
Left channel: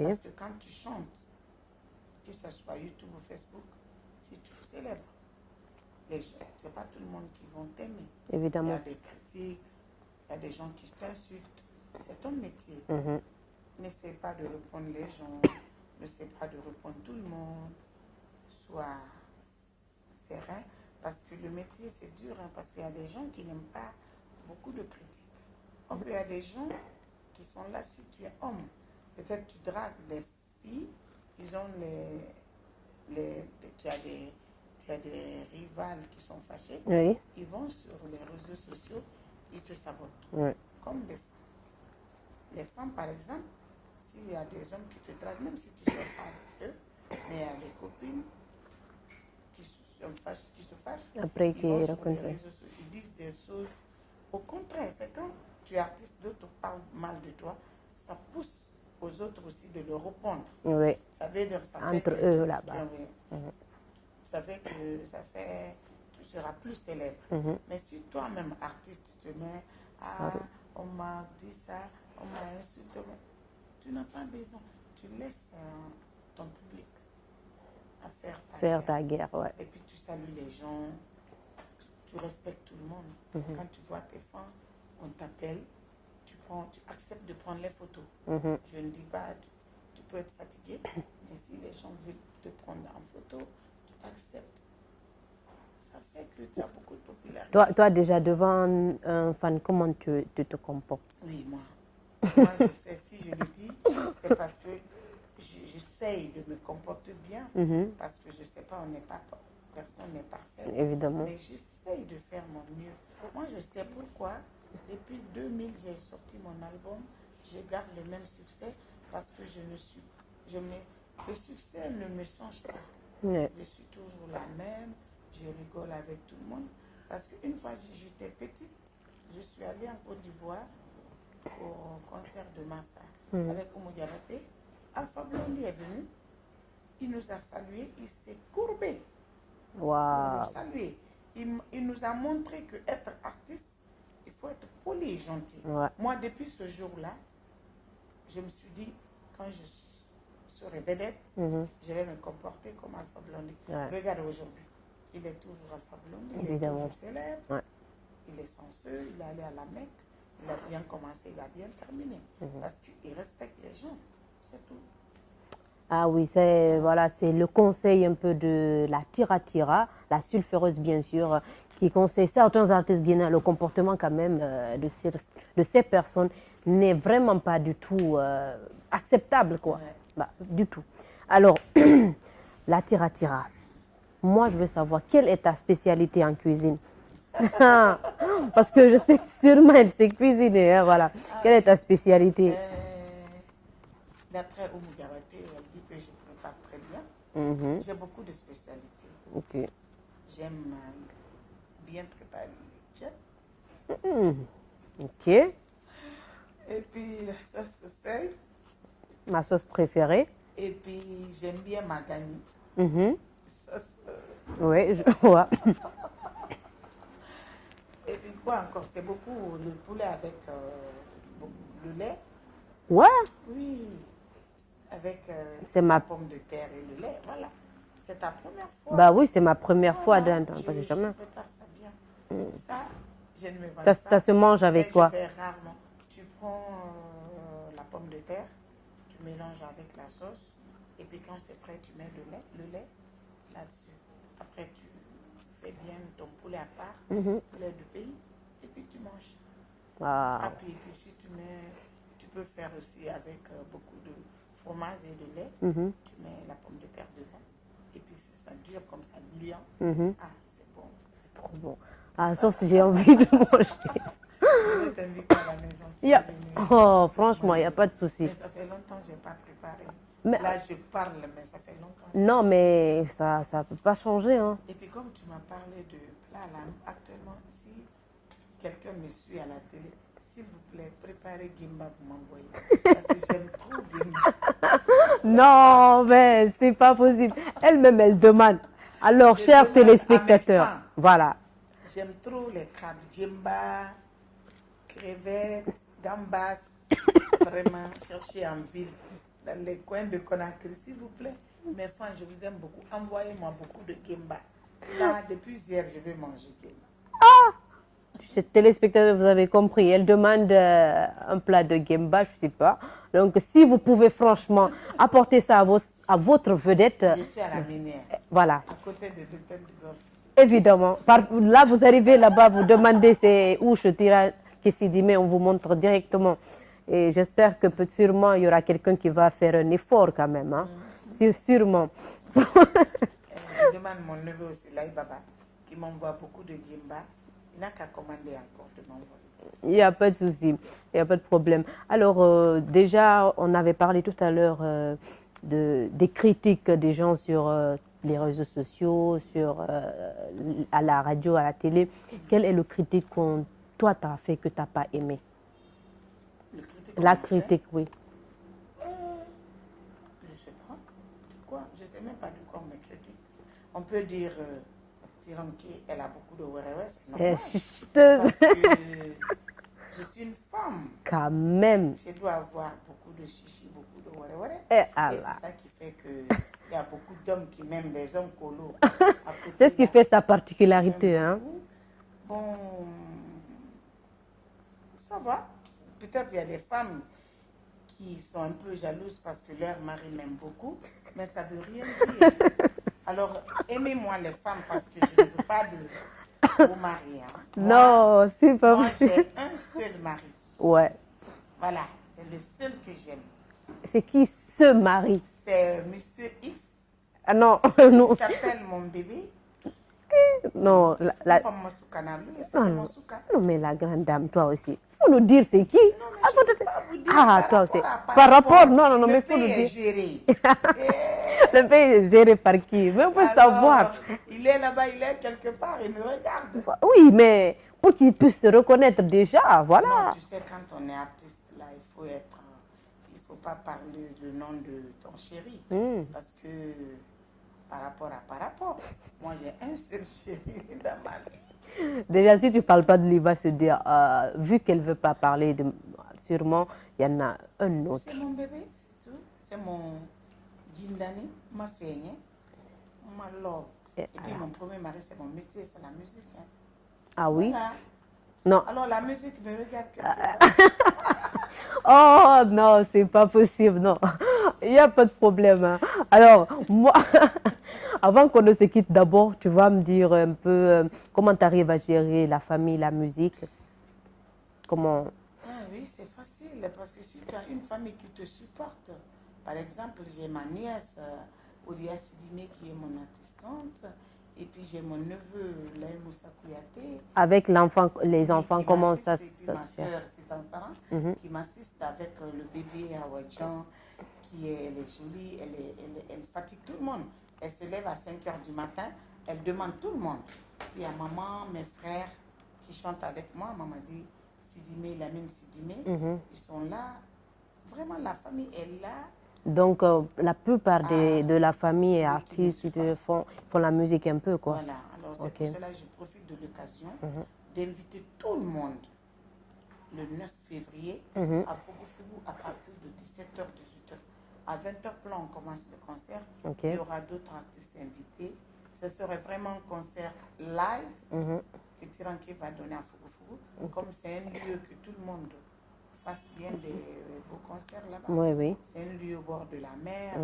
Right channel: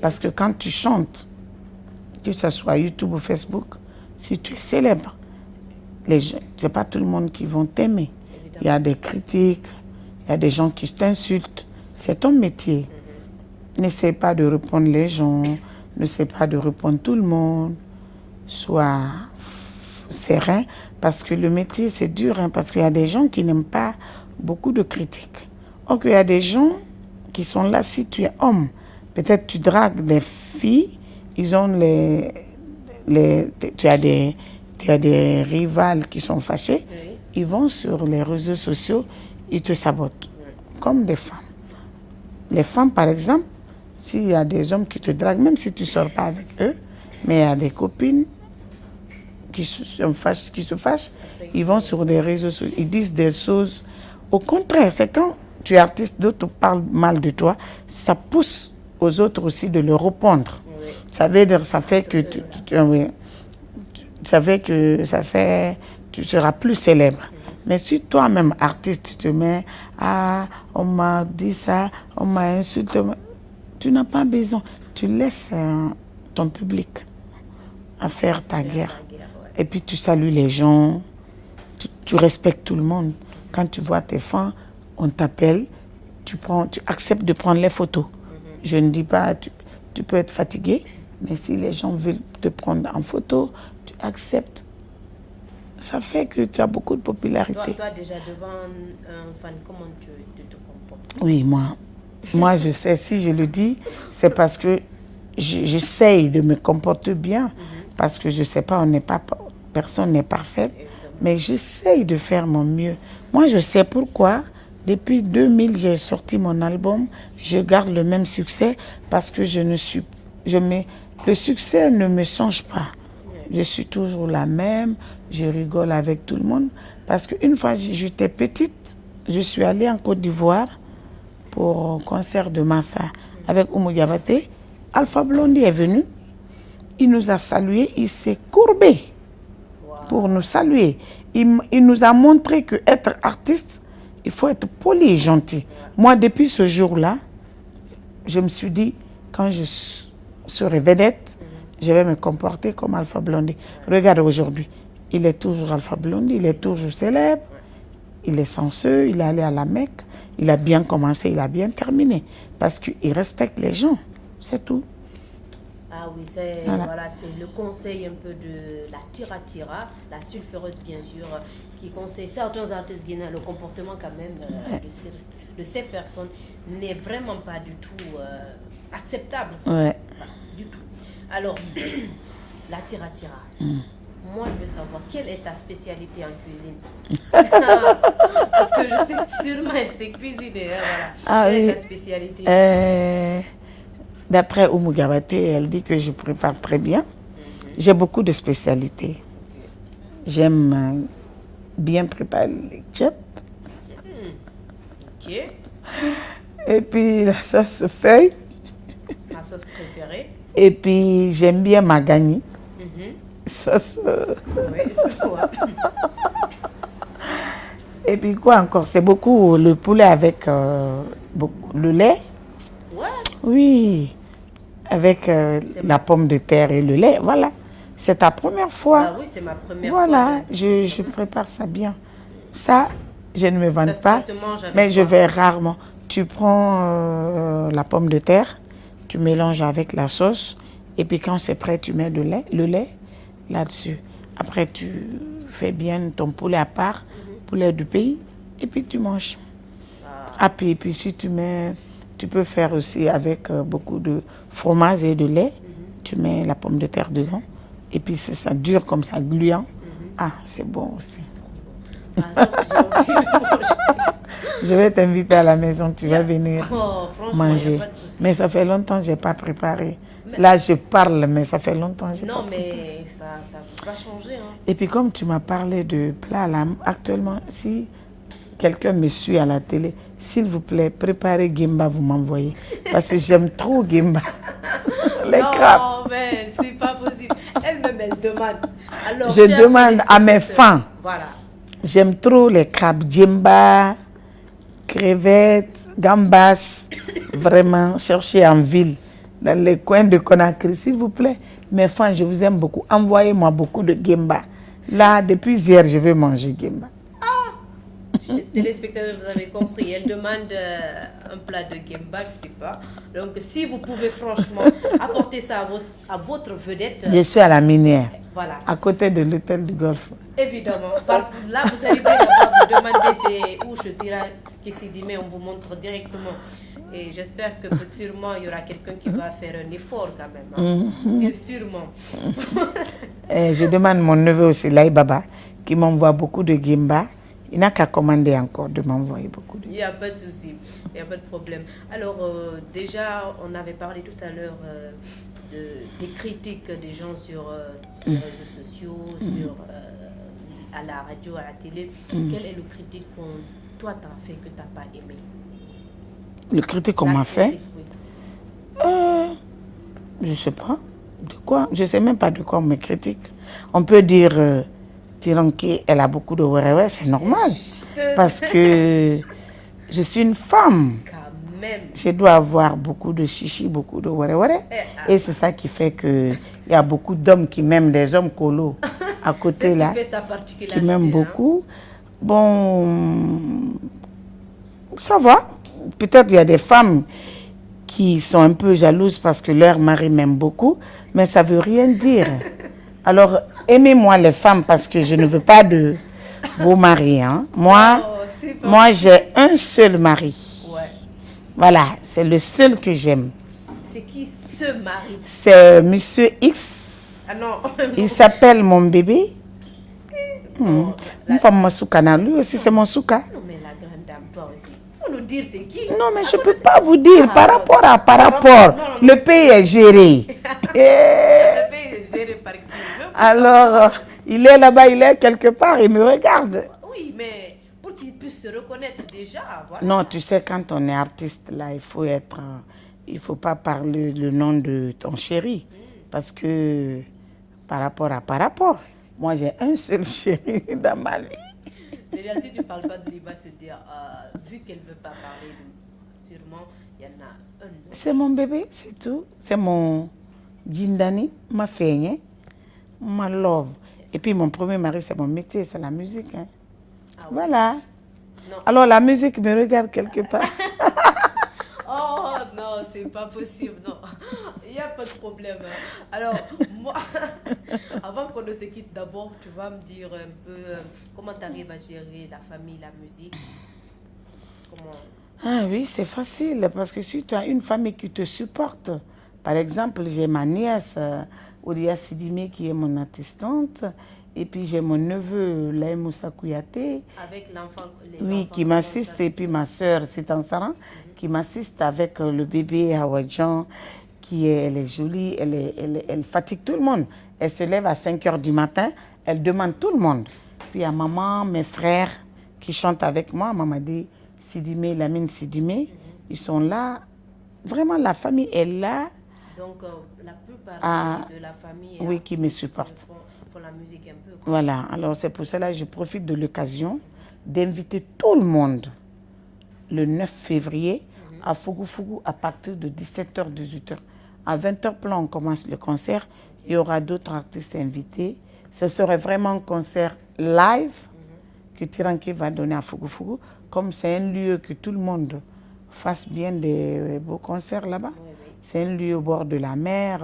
Parce que quand tu chantes, que ce soit YouTube ou Facebook, si tu es célèbre, c'est pas tout le monde qui vont t'aimer. Il y a des critiques, il y a des gens qui t'insultent. C'est ton métier. N'essaie pas de répondre les gens, n'essaie pas de répondre tout le monde. Sois serein, parce que le métier, c'est dur, hein, parce qu'il y a des gens qui n'aiment pas beaucoup de critiques. Or, il y a des gens qui sont là, si tu es homme, peut-être tu dragues des filles, ils ont tu as des rivales qui sont fâchés, ils vont sur les réseaux sociaux, ils te sabotent, comme des femmes. Les femmes, par exemple, s'il y a des hommes qui te draguent, même si tu ne sors pas avec eux, mais il y a des copines qui se fâchent, après, ils vont sur des réseaux sociaux, ils disent des choses. Au contraire, c'est quand tu es artiste, d'autres parlent mal de toi, ça pousse aux autres aussi de le répondre. Ça veut dire, ça fait que tu seras plus célèbre. Mais si toi-même, artiste, tu te mets, ah, on m'a dit ça, on m'a insulté, tu n'as pas besoin. Tu laisses ton public à faire ta guerre. Et puis tu salues les gens, tu respectes tout le monde. Quand tu vois tes fans, on t'appelle, tu acceptes de prendre les photos. Je ne dis pas, tu peux être fatigué, mais si les gens veulent te prendre en photo, tu acceptes. Ça fait que tu as beaucoup de popularité. Toi déjà, devant un fan, comment tu te comportes? Oui, moi je sais, si je le dis, c'est parce que j'essaye de me comporter bien, parce que je ne sais pas, personne n'est parfait, mais j'essaye de faire mon mieux. Moi, je sais pourquoi. Depuis 2000, j'ai sorti mon album, je garde le même succès, parce que le succès ne me change pas. Je suis toujours la même, je rigole avec tout le monde. Parce qu'une fois, j'étais petite, je suis allée en Côte d'Ivoire pour un concert de Massa avec Oumou Diabaté. Alpha Blondy est venu, il nous a salués, il s'est courbé pour nous saluer. Il nous a montré qu'être artiste, il faut être poli et gentil. Moi, depuis ce jour-là, je me suis dit, quand je serai vedette, je vais me comporter comme Alpha Blondy. Regarde aujourd'hui, il est toujours Alpha Blondy, il est toujours célèbre, il est censeux, il est allé à la Mecque, il a bien commencé, il a bien terminé. Parce qu'il respecte les gens, c'est tout. Ah oui, c'est le conseil un peu de la Tira, la sulfureuse bien sûr, qui conseille certains artistes guinéens, le comportement quand même de ces personnes n'est vraiment pas du tout acceptable. Quoi. Ouais. Bah, du tout. Alors, la tira-tira. Moi, je veux savoir, quelle est ta spécialité en cuisine? Parce que je sais que sûrement elle sait cuisiner. Hein, voilà. Quelle est ta spécialité? D'après Oumou Gabaté, elle dit que je prépare très bien. J'ai beaucoup de spécialités. Okay. J'aime bien préparer les crêpes. Ok. Et puis la sauce feuille. Ma sauce préférée. Et puis j'aime bien ma gagne. Sauce. Oui, je vois. Et puis quoi encore? C'est beaucoup le poulet avec le lait. Ouais. Oui. Avec la pomme de terre et le lait. Voilà. C'est ta première fois. Bah oui, c'est ma première fois. Voilà. Je prépare ça bien. Ça, je ne me vante pas. Ça se mange avec mais quoi? je vais rarement. Tu prends la pomme de terre, tu mélanges avec la sauce. Et puis quand c'est prêt, tu mets le lait là-dessus. Après, tu fais bien ton poulet à part, poulet du pays, et puis tu manges. Ah, puis si tu mets, tu peux faire aussi avec beaucoup de fromage et de lait. Tu mets la pomme de terre dedans, et puis ça dure comme ça, gluant. Ah, c'est bon aussi. Trop bon. Ah, sauf que j'ai envie de manger. Je vais t'inviter à la maison, tu vas venir. Oh, franchement, il manger. n'y a pas de souci. Mais ça fait longtemps que je n'ai pas préparé. Là, je parle, mais ça fait longtemps que je n'ai pas préparé. Mais ça ne peut pas changer. Hein. Et puis, comme tu m'as parlé de plats, là, actuellement, si quelqu'un me suit à la télé, s'il vous plaît, préparez Gimba, vous m'envoyez. Parce que j'aime trop Gimba. Non, mais c'est pas possible. Elle-même, elle demande. Alors, je demande à mes fans. Voilà. J'aime trop les crabes Gimba, crevettes, gambas. Vraiment, cherchez en ville, dans les coins de Conakry, s'il vous plaît. Mes fans, je vous aime beaucoup. Envoyez-moi beaucoup de Gimba. Là, depuis hier, je vais manger Gimba. Téléspectateurs, vous avez compris, elle demande un plat de Gimba, je ne sais pas. Donc, si vous pouvez franchement apporter ça à votre vedette. Je suis à la minière, voilà. À côté de l'hôtel du Golfe. Évidemment. Là, vous arrivez là-bas, vous demandez c'est où je tire Kessidimé, on vous montre directement. Et j'espère que sûrement, il y aura quelqu'un qui va faire un effort quand même. Hein. Sûrement. Je demande mon neveu aussi, Laï Baba, qui m'envoie beaucoup de Gimba. Il n'a qu'à commander encore de m'envoyer beaucoup. Il n'y a pas de souci, il n'y a pas de problème. Alors, déjà, on avait parlé tout à l'heure des critiques des gens sur les réseaux sociaux, à la radio, à la télé. Quelle est le critique que toi, tu as fait que tu n'as pas aimé? Le critique qu'on m'a fait? Oui. Je ne sais pas. De quoi? Je ne sais même pas de quoi on me critique. On peut dire... Tiranké, elle a beaucoup de ouais, c'est normal. Parce que je suis une femme. Quand même. Je dois avoir beaucoup de chichi, beaucoup de ouais. Et c'est ça qui fait qu'il y a beaucoup d'hommes qui m'aiment, des hommes colos à côté. C'est ce qui fait sa particularité. Qui m'aiment beaucoup. Bon, ça va. Peut-être il y a des femmes qui sont un peu jalouses parce que leur mari m'aime beaucoup, mais ça ne veut rien dire. Alors, aimez-moi les femmes parce que je ne veux pas de vos maris. Hein. Moi, j'ai un seul mari. Ouais. Voilà, c'est le seul que j'aime. C'est qui ce mari? C'est Monsieur X. Ah non. Il s'appelle mon bébé. Non. Une femme Moussoukana, lui aussi c'est mon souka. Non, mais la grande dame, toi aussi. Faut nous dire c'est qui? Non, mais je ne peux pas vous dire par rapport. Non, le pays est géré. Le pays est géré par qui? Alors, il est là-bas, il est quelque part, il me regarde. Oui, mais pour qu'il puisse se reconnaître déjà, voilà. Non, tu sais, quand on est artiste, là, il faut pas parler le nom de ton chéri. Parce que par rapport, moi j'ai un seul chéri dans ma vie. Déjà, si tu ne parles pas de lui, il va se dire, vu qu'elle ne veut pas parler, sûrement, il y en a un autre. C'est mon bébé, c'est tout. C'est mon Gindani, ma feigne, ma love. Et puis mon premier mari, c'est mon métier, c'est la musique. Hein. Ah oui? Voilà. Non. Alors la musique me regarde quelque part. Oh non, c'est pas possible, non. Il n'y a pas de problème. Hein. Alors, moi, Avant qu'on ne se quitte, d'abord, tu vas me dire un peu comment tu arrives à gérer la famille, la musique. Comment... Ah oui, c'est facile parce que si tu as une famille qui te supporte, par exemple, j'ai ma nièce, Odia Sidimé, qui est mon assistante, et puis j'ai mon neveu, Laï Moussa Kouyaté. Avec l'enfant, les enfants, qui m'assiste, et puis ma soeur, Sitan-Saran, qui m'assiste avec le bébé Hawadjan, elle est jolie, elle fatigue tout le monde. Elle se lève à 5 h du matin, elle demande tout le monde. Puis à maman, mes frères qui chantent avec moi, maman dit Sidimé, Lamine Sidimé, ils sont là. Vraiment, la famille est là. Donc, la plupart de la famille et qui me supportent font la musique un peu. Quoi. Voilà, alors c'est pour cela que je profite de l'occasion d'inviter tout le monde le 9 février à Fougou à partir de 17 h, 18 h. À 20 h plan, on commence le concert. Il y aura d'autres artistes invités. Ce serait vraiment un concert live que Tiranké va donner à Fougou. Comme c'est un lieu que tout le monde fasse bien des beaux concerts là-bas. Oui. C'est un lieu au bord de la mer.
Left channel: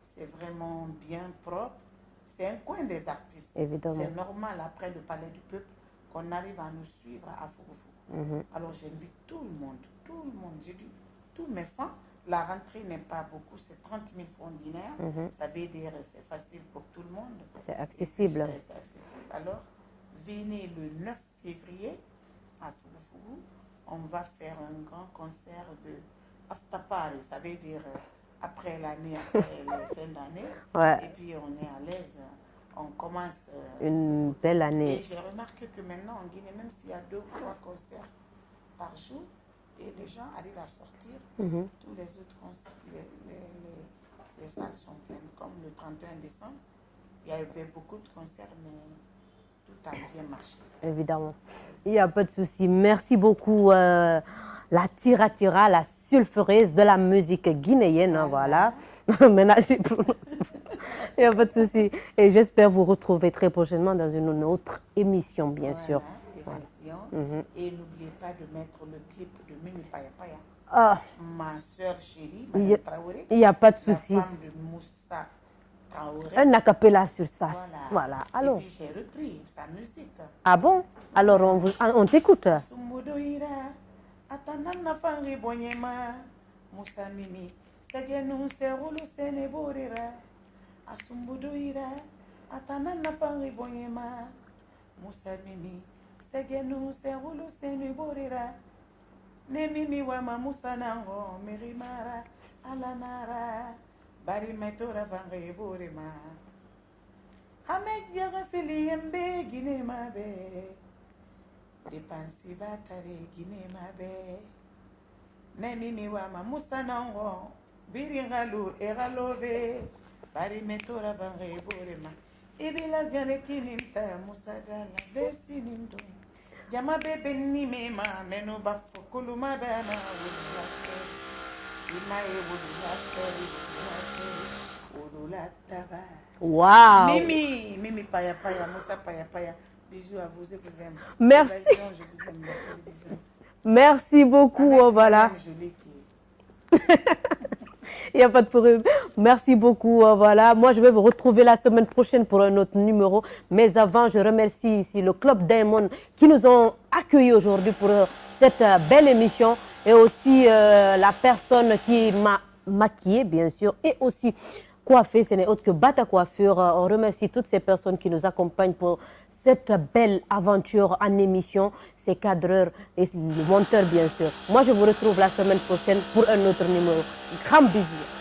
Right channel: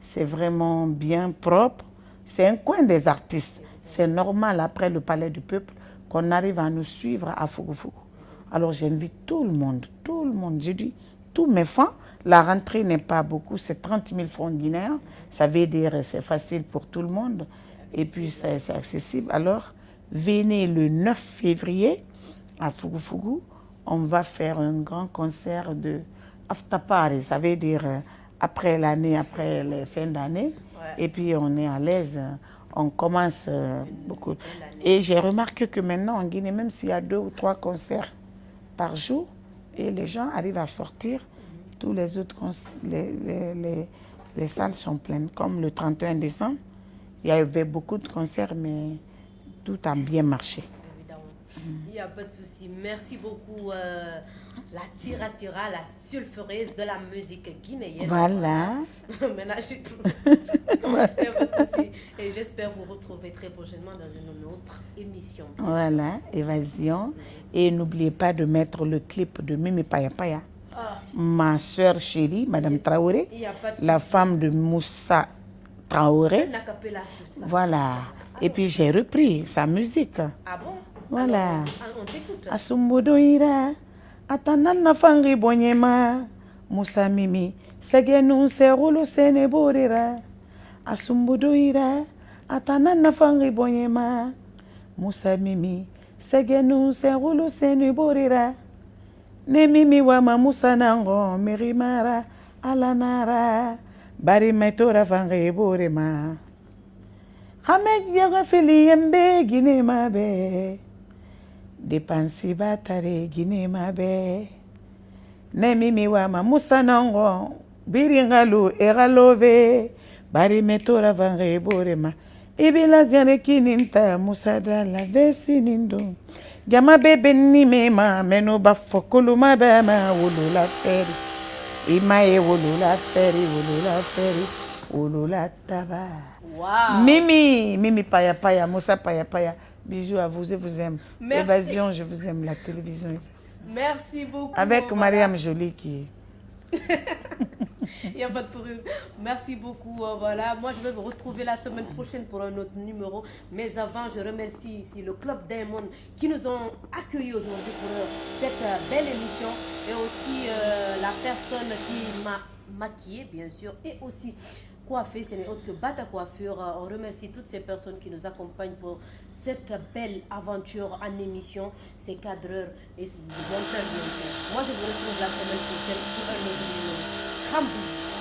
C'est vraiment bien propre. C'est un coin des artistes. C'est normal, après le Palais du Peuple, qu'on arrive à nous suivre à Fougou. Alors j'invite tout le monde. J'ai dit, tous mes fans, la rentrée n'est pas beaucoup, c'est 30 000 francs guinéens. Ça veut dire c'est facile pour tout le monde. Et puis c'est accessible. Alors, venez le 9 février à Fougou. On va faire un grand concert de Aftapari. Ça veut dire après l'année, après la fin d'année. Et puis on est à l'aise. On commence une belle année. Et j'ai remarqué que maintenant en Guinée, même s'il y a 2 ou 3 concerts par jour, et les gens arrivent à sortir, tous les autres les salles sont pleines. Comme le 31 décembre, il y avait beaucoup de concerts, mais tout a bien marché. Évidemment. Il n'y a pas de souci. Merci beaucoup, la Tira, la sulfureuse de la musique guinéenne. Voilà. Maintenant, il n'y a pas de souci. Et j'espère vous retrouver très prochainement dans une autre émission, bien sûr. Voilà, Évasion. Et n'oubliez pas de mettre le clip de Mimi Paya Paya. Ma soeur chérie, Madame Traoré. Il n'y a pas de souci. La femme de Moussa Traoré. Un acapella sur ça. Voilà. Et puis j'ai repris sa musique. Ah bon? Voilà. Alors on t'écoute. Asumbudoira, atanana fangi bonyema, Moussa Mimi, segenu serulu seneborira. Asumbudoira, atanana fangi bonyema, Moussa Mimi, segenu serulu seneborira. Ne Mimi wama Moussa nango, mirimara, alanara. Bari metora fange borema. Hamed yaga fili yembe Guinée mabe. Depansi batare Guinée mabe. Ne Mimi wama Moussa nango. Biringalu egalove. Bari metora fange borema. Ibila jane kininta Moussa dala vesinindo. Jama bebe ni mema meno bafokulu mabema wulula feri. Imae wulula feri, wulula taba. Wow. Mimi Paya Paya, Moussa Paya Paya. Bisous à vous, je vous aime. Merci. Évasion, je vous aime, la télévision. Merci beaucoup. Avec Mariam Jolie qui... Il n'y a pas de problème. Merci beaucoup. Voilà. Moi, je vais vous retrouver la semaine prochaine pour un autre numéro. Mais avant, je remercie ici le Club Diamond qui nous ont accueillis aujourd'hui pour cette belle émission. Et aussi la personne qui m'a maquillée, bien sûr. Et aussi coiffée, ce n'est autre que Bata Coiffure. On remercie toutes ces personnes qui nous accompagnent pour cette belle aventure en émission. Ces cadreurs et les monteurs, bien sûr. Moi, je vous retrouve la semaine prochaine pour un autre numéro. Grand bisous.